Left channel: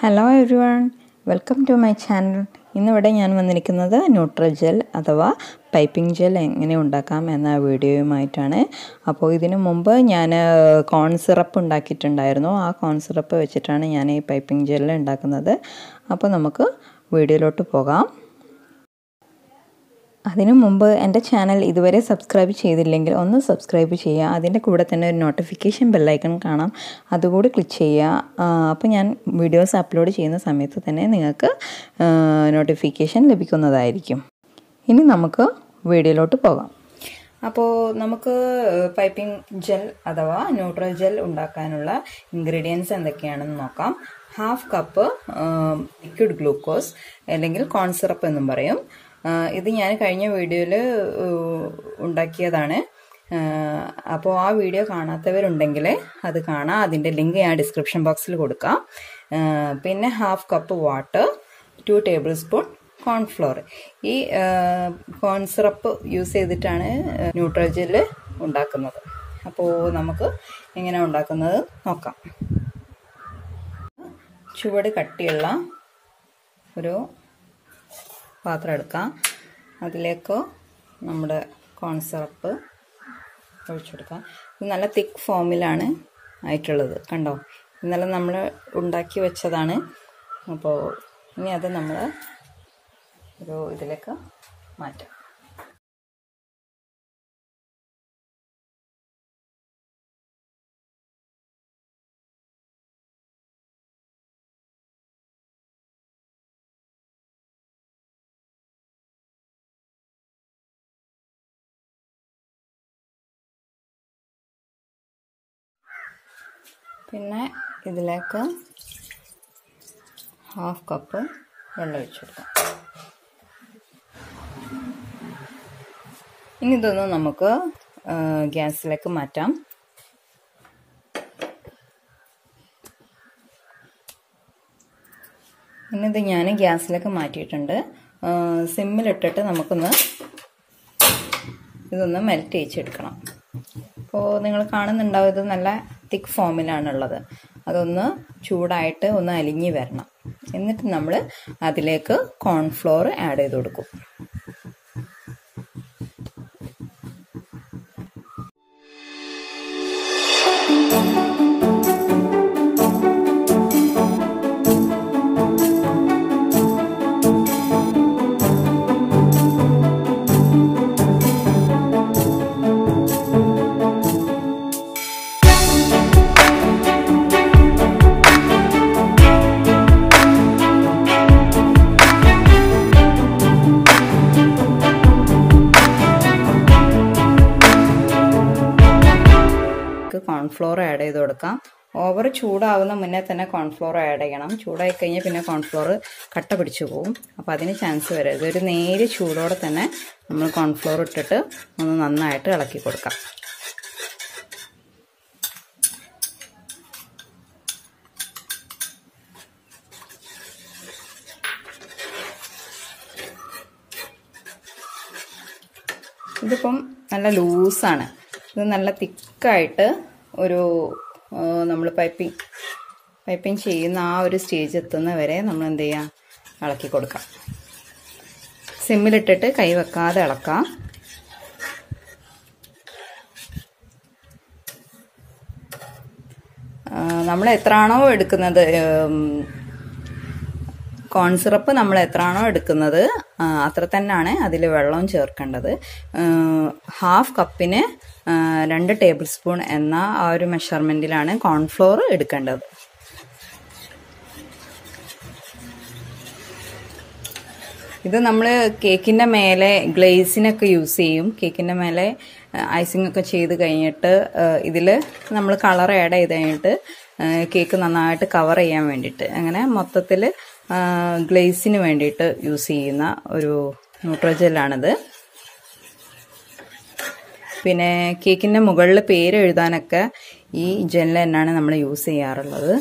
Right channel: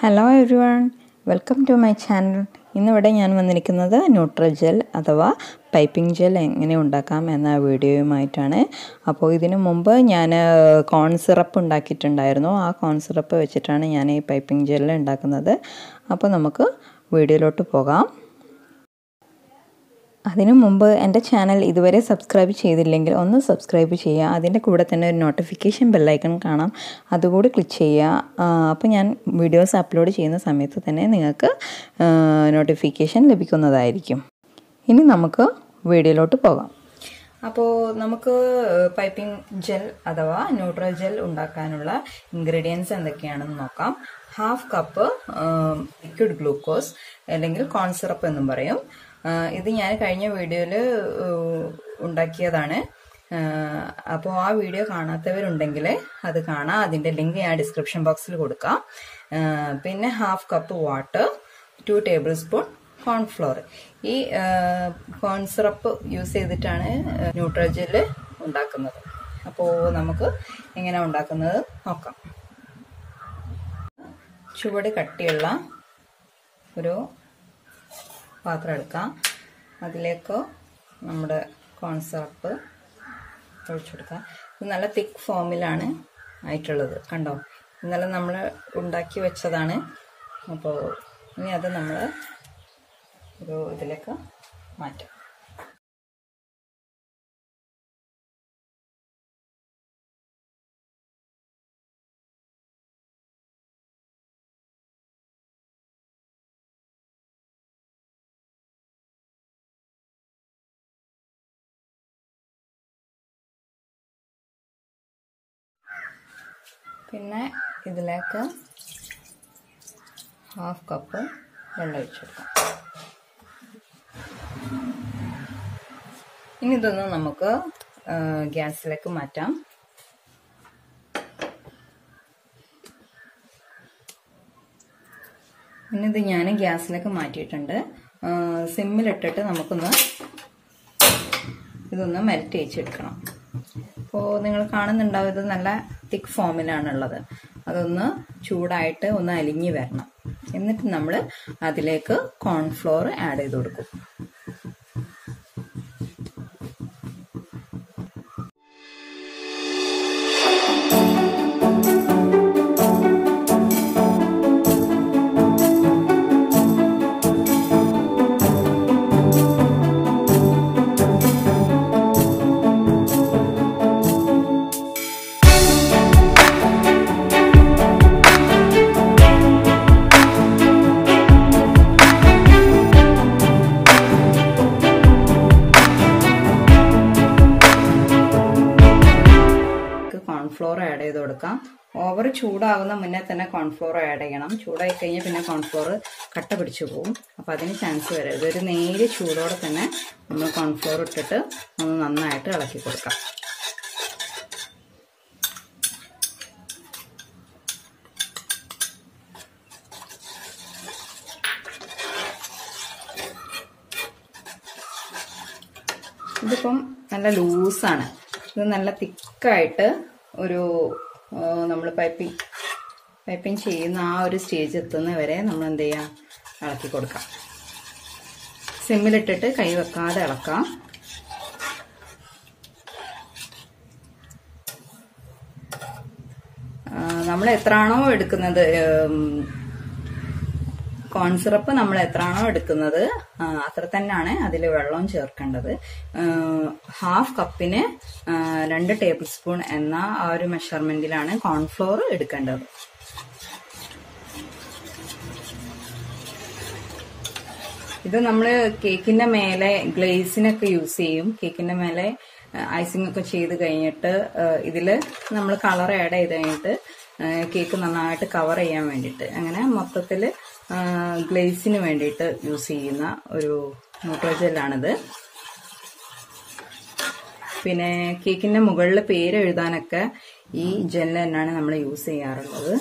Hello everyone, welcome to my channel. ഇന്നിവിടെ ഞാൻ വന്നിരിക്കുന്നത് ന്യൂട്രജെൽ അഥവാ പൈപ്പിംഗ് ജെൽ എങ്ങനെ ഉണ്ടാക്കാം എന്ന വീഡിയോയുമായിട്ടാണ്. അപ്പോൾ ഇതിനു മുമ്പ് ഞാൻ കോൺ സിറപ്പ് ഉണ്ടാക്കിയിട്ടുണ്ടായിരുന്നു. ആ കോൺ സിറപ്പ് വെച്ചിട്ടാണ് ഞാൻ ഈ പൈപ്പിംഗ് ജെൽ ഉണ്ടാക്കുന്നത്. അപ്പോൾ നമുക്ക് വീഡിയോയിലോട്ട് പോകാം. അതിനു മുമ്പ് എൻ്റെ ചാനൽ ഇതുവരെ സബ്സ്ക്രൈബ് ചെയ്തില്ലെങ്കിൽ ഒന്ന് സബ്സ്ക്രൈബ് ചെയ്യുക. അതിൻ്റെ കൂടെ തന്നെ ഒരു നോട്ടിഫിക്കേഷൻ ബെല്ലൈക്കൺ കാണാം, അതുകൂടി ക്ലിക്ക് ചെയ്യുക. അപ്പോൾ ഞാൻ വീഡിയോസ് അപ്ലോഡ് ചെയ്യുന്ന സമയത്ത് തന്നെ നിങ്ങൾക്ക് നോട്ടിഫിക്കേഷൻ ലഭിക്കുന്നതായിരിക്കും. ഇനി നമുക്ക് വീഡിയോയിലോട്ട് പോകാം. അപ്പോൾ നമുക്ക് പൈപ്പിംഗ് ജെൽ അഥവാ ന്യൂട്രജെൽ ഉണ്ടാക്കാനുള്ള ഇൻഗ്രീഡിയൻസ് എന്തൊക്കെയാണെന്ന് നോക്കാം. 1/2 കപ്പ് ലിക്വിഡ് ഗ്ലൂക്കോസ് അല്ലെങ്കിൽ കോൺ സിറപ്പ് എന്നും പറയും. ഇത് ഞാൻ കഴിഞ്ഞ വീഡിയോയിൽ ഉണ്ടാക്കിയതാണ്. അപ്പോൾ ആ വീഡിയോ കാണാത്തവരുണ്ടെങ്കിൽ അത് കാണാം. അതിൻ്റെ ലിങ്ക് ഞാൻ ഡിസ്ക്രിപ്ഷൻ ബോക്സിൽ കൊടുക്കാം. പിന്നെ 1/2 cup water, 2 table spoon cornflour. ഈ കോൺ സിറപ്പ് യൂസ് ചെയ്തിട്ടാണ് ന്യൂട്രജെൽ ഉണ്ടാക്കുന്നത്. അപ്പോൾ നമുക്ക് എങ്ങനെ ഉണ്ടാക്കുന്നത് നോക്കാം. ചുവട് കട്ടിയുള്ള ഒരു പാത്രം എടുക്കാം. അതിലേക്ക് നമ്മുടെ കോൺ സിറപ്പ് ഒഴിച്ചു കൊടുക്കാം. ഇത് നല്ല തിക്ക് ഫോമിലാണ് ആയിട്ടുള്ളത്, കണ്ടോ? ഇന്നലെ നമ്മൾ ഉണ്ടാക്കി വെച്ചതാണ്. അപ്പോൾ ഇനി അത് നമ്മൾ ഒരു ഇതിലേക്ക് മാറ്റാം. പിന്നെ ഇതിലേക്ക് 1/2 കപ്പ് വെള്ളം ഒഴിച്ചു കൊടുക്കാം. ഇനി ഇതൊന്ന് നമുക്ക് ഗ്യാസിലേക്ക് മാറ്റാം. ഇത് ഞാൻ ഗ്യാസിലേക്ക് മാറ്റിയിട്ടുണ്ട്. സിമ്മിലിട്ടിട്ട് നമുക്കൊന്ന് ഇതൊന്ന് മെൽറ്റ് ചെയ്യിച്ചെടുക്കണം. അപ്പോൾ നിങ്ങൾ കാണുന്നുണ്ടാവും, ഇത് നല്ല തിക്ക് ഫോമിലാണുള്ളത്. അതൊന്ന് ചൂടായിട്ട് ഒന്ന് അലിഞ്ഞ് വരണം. എന്നിട്ട് നമ്മൾ അതിലേക്ക് കോൺഫ്ലോർ ആഡ് ചെയ്ത് കൊടുക്കും. കോൺഫ്ലോർ ആഡ് ചെയ്ത് കൊടുക്കാം. ഓവർ ചൂടാവുന്ന മുന്നേ തന്നെ കോൺഫ്ലോർ ആഡ് ചെയ്യണം. ചൂടായി കഴിഞ്ഞാൽ പിന്നെ കോൺഫ്ലോർ കട്ട പിടിച്ചു പോകും. അപ്പോൾ അതിന് ചാൻസ് വരരുത്. ഒരു നേരിയ ചൂടോടെ തന്നെ നമ്മൾ കോൺഫ്ലോർ ഇട്ടിട്ട് ഒന്ന് നന്നായിട്ട് ഇളക്കി കൊടുക്കാം. ഇതിപ്പം നല്ല ലൂസാണ്. ഇത് നല്ല തിക്കായിട്ട് ഒരു നമ്മൾ പൈപ്പിംഗ് ചെയ്യുന്ന ആ ഒരു സ്റ്റേജ് എത്തുന്ന വരെ നമ്മൾ എന്ത് ചെയ്യാം, ഇളക്കി കൊടുക്കാം. സിമ്മിലിട്ടിട്ട് കൈ വെക്കാതെ ഇളക്കാം. നമ്മൾ എത്രയാണോ എടുക്കുന്നത് കോൺ സിറപ്പ്, നമ്മൾ എത്രയാണോ എടുക്കുന്നത് അത്ര തന്നെയാണ് അതിൽ വെള്ളം ചേർക്കേണ്ടത്. 1/2 കപ്പിന് 2 ടേബിൾ സ്പൂൺ എന്ന ആ ഒരു മെഷർമെന്റിലാണ് കോൺഫ്ലോർ എടുക്കേണ്ടത്. ഇത് നമ്മൾ കേക്കിന്റെ മേലെ ഗ്ലേസിനൊക്കെ യൂസ് ചെയ്യും. കേക്കിന്റെ മേലെ ഐസിംഗ് ഒക്കെ ചെയ്ത് കഴിഞ്ഞിട്ട് ഇതിൽ നമ്മൾ കളർ ആഡ് ചെയ്ത് കഴിഞ്ഞിട്ട് കേക്ക് നന്നായിട്ട് കവർ ചെയ്യാൻ വേണ്ടിയിട്ട്, അങ്ങനെ മൊത്തത്തിൽ ഗ്ലേസിന് വേണ്ടിയിട്ട് യൂസ് ചെയ്യുന്ന ഒരു ന്യൂട്രജെല്ലാണിത്. പിന്നെ കേക്കിന്റെ മുകളിൽ പേര് എഴുതാനൊക്കെ ഈ ജെൽ തന്നെയാണ് നമ്മൾ യൂസ് ചെയ്യാറുള്ളത്.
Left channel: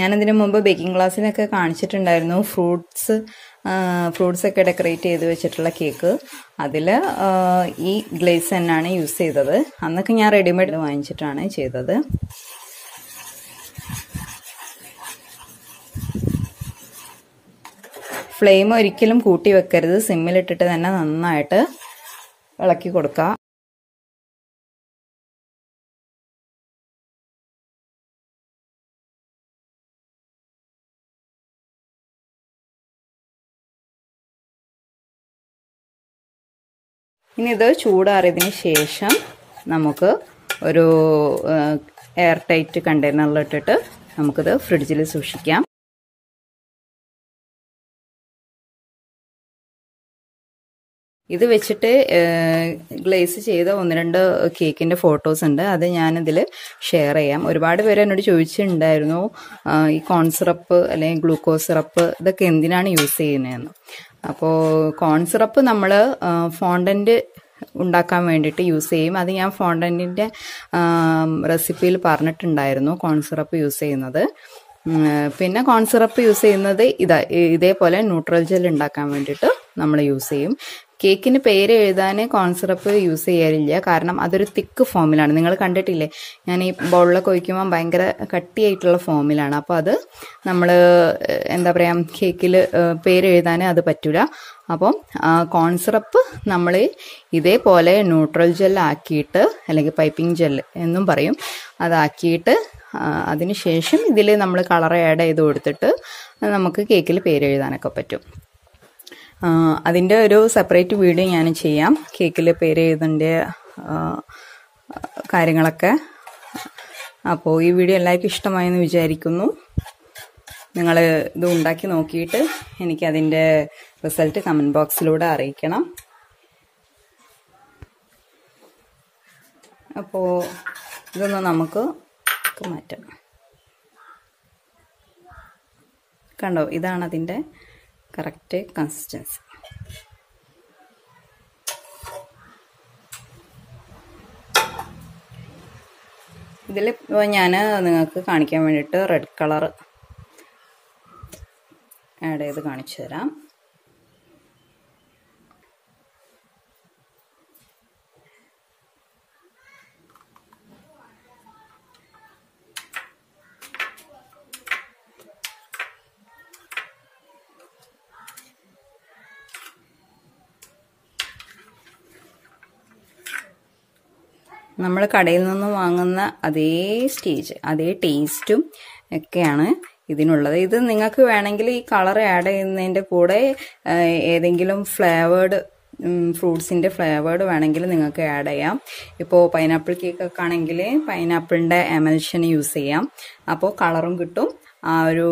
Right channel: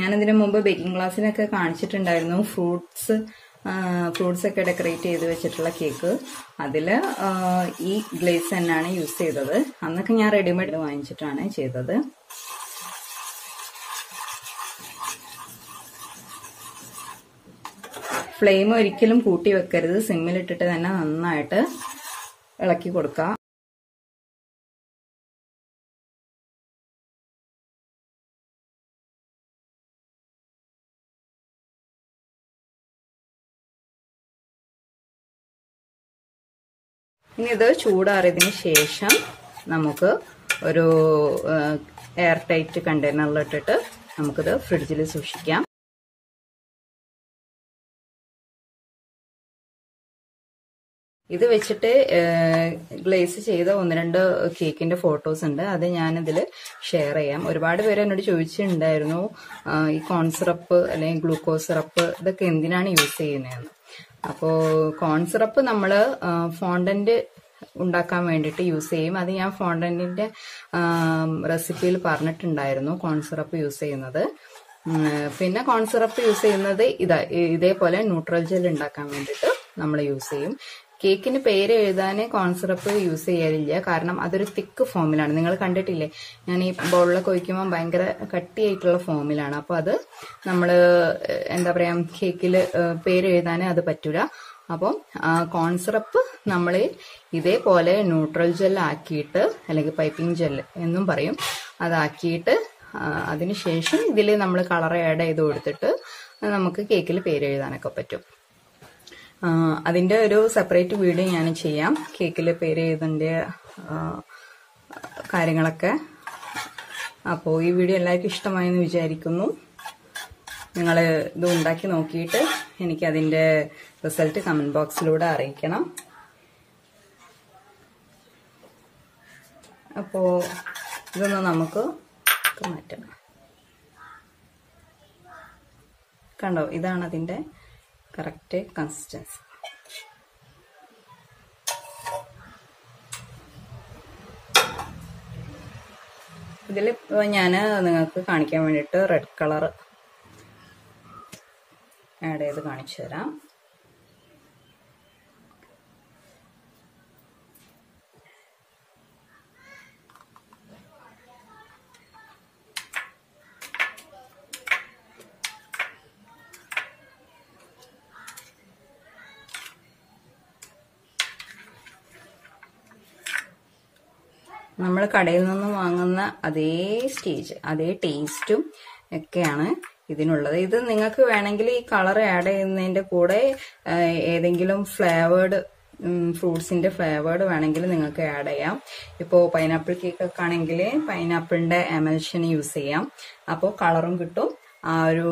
ഞാനിതിനു മുമ്പ് ബേക്കിംഗ് ക്ലാസ്സിനൊക്കെ കാണിച്ചിട്ടുണ്ടായിരുന്നു ഫ്രൂട്ട്സ് ഒക്കെ ഡെക്കറേറ്റ് ചെയ്ത് വെച്ചിട്ടുള്ള കേക്ക്. അതിൽ ഈ ഗ്ലേസ് തന്നെയാണ് യൂസ് ചെയ്തത്. അന്നൊക്കെ ഞാൻ റെഡിമെയ്ഡ് വാങ്ങിച്ചിട്ടാണ് ചെയ്തത്. ഫ്ലെയിം ഒരിക്കലും കൂട്ടി വെക്കരുത്, സിമ്മിലിട്ടിട്ട് തന്നെ നന്നായിട്ട് ഇളക്കി കൊടുക്കുക. ഇനി ഇത് ചൂടാറിയതിന് ശേഷം നമുക്ക് ഒരു എയർ ടൈറ്റ് കണ്ടെയ്നറിലിട്ടിട്ട് നമുക്കിത് ഫ്രിഡ്ജിൽ സൂക്ഷിക്കാം. ഇത് വെച്ചിട്ട് ഗ്ലേസ് ചെയ്ത 1-2 കേക്കിന്റെ ഫോട്ടോസ് ഉണ്ട്, അത് ഞാനിതിൽ ഷെയർ ചെയ്യാം. ഒരുപാട് പേര് എന്നോട് ചോദിച്ചിട്ടുണ്ടായിരുന്നു ഈ കോൺ സിറപ്പ് അല്ലെങ്കിൽ ഗ്ലൂക്കോസ് സിറപ്പ് ഇതൊക്കെ എന്തിനാണ് യൂസ് ചെയ്യുന്നതെന്ന്. അപ്പോൾ കോൺ സിറപ്പ് നമ്മൾ ഫോണ്ടന്റ് ഉണ്ടാക്കാൻ വേണ്ടിയിട്ട് യൂസ് ചെയ്യും. അത് ഞാൻ ഫോണ്ടന്റിന്റെ റെസിപ്പിയിൽ പറഞ്ഞിട്ടുണ്ടായിരുന്നു കോൺ സിറപ്പ് യൂസ് ചെയ്യുന്നത്. പിന്നെ കോൺ സിറപ്പ് യൂസ് ചെയ്യുന്നത് ഇതേപോലെ ന്യൂട്രൽ ജെൽ ഉണ്ടാക്കാൻ വേണ്ടിയിട്ട് നമ്മൾ യൂസ് ചെയ്യും. കേക്കിന് പേര് എഴുതാൻ കോൺ സിറപ്പ് യൂസ് ചെയ്യാറില്ല, കാരണം അതൊരു തിക്ക് ഫോമിലാണ്. നിങ്ങൾ കണ്ടിട്ടില്ലേ, ഞാൻ ഈ ബൗളിലൊക്കെ ഒഴിക്കുമ്പോൾ ഭയങ്കര കട്ടിയായിട്ടുള്ള ഫോമിലാണ്. അപ്പോൾ അത് നമ്മൾ എന്താ പറയുക, കേക്കിൽ പേര് എഴുതാൻ അത് പറ്റൂല. അപ്പം കോൺ സിറപ്പ് നമ്മൾ ഇതേപോലെ ന്യൂട്രൽ ജെൽ ആക്കിയിട്ട്, അല്ലെങ്കിൽ പൈപ്പിംഗ് ജെൽ എന്നും പറയും, അതാക്കിയിട്ട് അതിനുശേഷം ഇതിൽ നമ്മൾ കളർ ആഡ് ചെയ്ത് കൊടുത്തിട്ട് നമുക്ക് കേക്കിൽ പേര് എഴുതാനൊക്കെ പറ്റും. അതിൻ്റെ ഒരു സെപ്പറേറ്റ് വീഡിയോ ഞാൻ ചെയ്യാം, കേക്കിൽ പേര് എഴുതേണ്ട കാര്യങ്ങളൊക്കെ. അപ്പോൾ ഈ വീഡിയോ എല്ലാവർക്കും ഇഷ്ടമായെന്ന് വിചാരിക്കുന്നു. നിങ്ങൾ ഇത് ഉണ്ടാക്കി നോക്കിയിട്ട് എനിക്കതിൻ്റെ റിസൾട്ട് കമൻറ്റ് ബോക്സിലൂടെ അറിയിക്കണം. അപ്പോൾ ഇതൊന്ന് നമുക്ക് മാറ്റാം. കണ്ടോ, ഇതാണ് അതിൻ്റെ കറക്റ്റ് കൺസിസ്റ്റൻസി. ഇതിൽ ഇപ്പോൾ ഞാൻ നിങ്ങൾക്ക് കാണിക്കാൻ വേണ്ടിയിട്ട് റെഡ് കളർ ആഡ് ചെയ്ത് കാണിച്ചു തരാം. നമ്മൾ കടയിൽ നിന്ന് വാങ്ങുന്ന അതേ അതേ ടേസ്റ്റും ഒക്കെയാണ് ഇതിനുള്ളത്. ഇത് നിങ്ങൾക്ക് വേണമെങ്കിൽ ഈ കളർ ആഡ് ചെയ്യുന്നതിൻ്റെ കൂടെ ഏതെങ്കിലും ഫ്ലേവേർഡ് ഫ്രൂട്ട്സിന്റെ ഫ്ലേവേർഡ് വേണമെങ്കിൽ നിങ്ങൾക്ക് ആഡ് ചെയ്യാം. ഇപ്പോൾ പൈനാപ്പിൾ കേക്കൊക്കെ ആണെങ്കിൽ പൈനാപ്പിളിന്റെ എമൽഷൻ യൂസ് ചെയ്യാം. അപ്പോൾ കളറും കിട്ടും, ആ ഒരു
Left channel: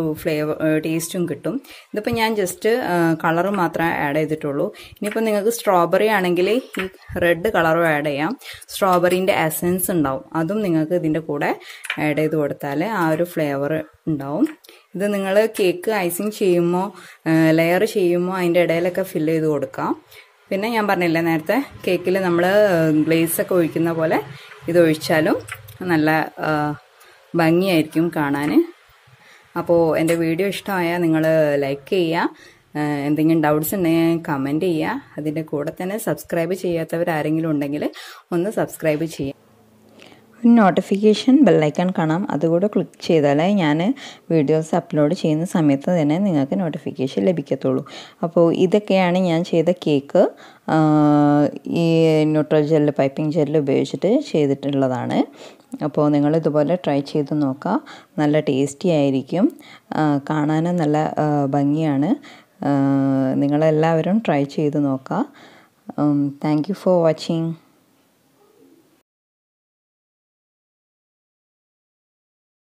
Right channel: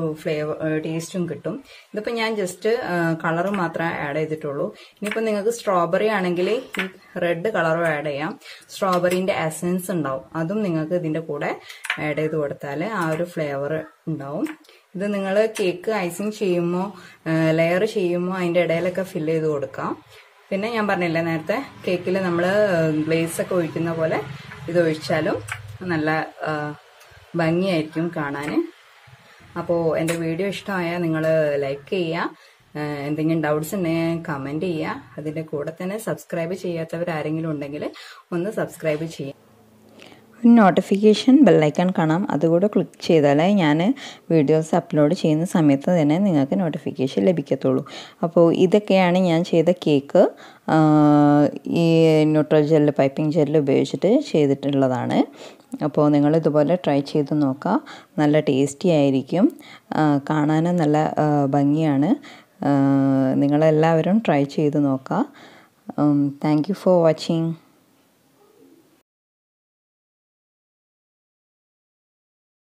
ടേസ്റ്റും കിട്ടും. ഇതിപ്പോൾ ഞാൻ ജസ്റ്റ് കളർ മാത്രമേ ആഡ് ചെയ്തിട്ടുള്ളൂ. ഇനിയിപ്പോൾ നിങ്ങൾക്ക് സ്ട്രോബെറി ആണെങ്കിൽ ഈ റെഡ് കളറും ആഡ് ചെയ്യാം. സ്ട്രോബെറിന്റെ എസൻസ് ഉണ്ടാവും, അതും നിങ്ങൾക്ക് ഇതിന്റെ കൂടെ ആഡ് ചെയ്ത് കൊടുത്താൽ ആ ഒരു ഫ്ലേവർ ഉണ്ടാവും. ഇത് നിങ്ങൾ കേക്ക് ഐസിങ് ചെയ്യുമ്പോൾ ലെയർ ചെയ്യുമ്പോൾ അതിൻ്റെ ഇടയിലൊക്കെ ഫില്ല് ചെയ്ത് കൊടുക്കാം. പിന്നെ ഞാൻ പറഞ്ഞില്ലേ നേരത്തെ, കേക്കിൽ നമ്മൾ ഗ്ലേസ് ഒക്കെ ഒഴിക്കുന്ന പോലെ ഇത് ഒഴിച്ചാലും നല്ല ഭംഗിയായിരിക്കും കാണാൻ. അപ്പോൾ എൻ്റെ വീഡിയോ ഇഷ്ടമായാൽ നിങ്ങൾ ലൈക്ക് ചെയ്യുക, എന്തെങ്കിലും ഡൗട്ട്സ് ഉണ്ടെങ്കിൽ കമൻറ്റ് ചെയ്യുക. അതിൻ്റെ കൂടെ തന്നെ സബ്സ്ക്രൈബ് ചെയ്യാത്തവർ ആരെങ്കിലും ഉണ്ടെങ്കിൽ ഒന്ന് സബ്സ്ക്രൈബ് ചെയ്യുക. നോട്ടിഫിക്കേഷൻ ബെല്ലൈക്കൺ കാണാം, അതുകൂടെ ക്ലിക്ക് ചെയ്താൽ ഞാൻ വീഡിയോസ് അപ്ലോഡ് ചെയ്യുന്ന സമയത്ത് തന്നെ നിങ്ങൾക്ക് നോട്ടിഫിക്കേഷൻ ലഭിക്കത്തുള്ളൂ. അപ്പോൾ ഇതൊക്കെയാണ് ഞാൻ ചെയ്ത കേക്ക്. ഈ ന്യൂട്രൽ ജെല്ല്, പൈപ്പിംഗ് ജെല്ല് ഉപയോഗിച്ചിട്ട് ചെയ്തിട്ടുള്ളതാണ്. അപ്പോൾ നിങ്ങളിതുപോലെ ട്രൈ ചെയ്ത് നോക്കുക, നല്ല ടേസ്റ്റി ആയിരിക്കും, കാണാനും നല്ല ഭംഗിയാണ്. നിങ്ങളെല്ലാവരും ട്രൈ ചെയ്ത് നോക്കുക. Thank you for watching.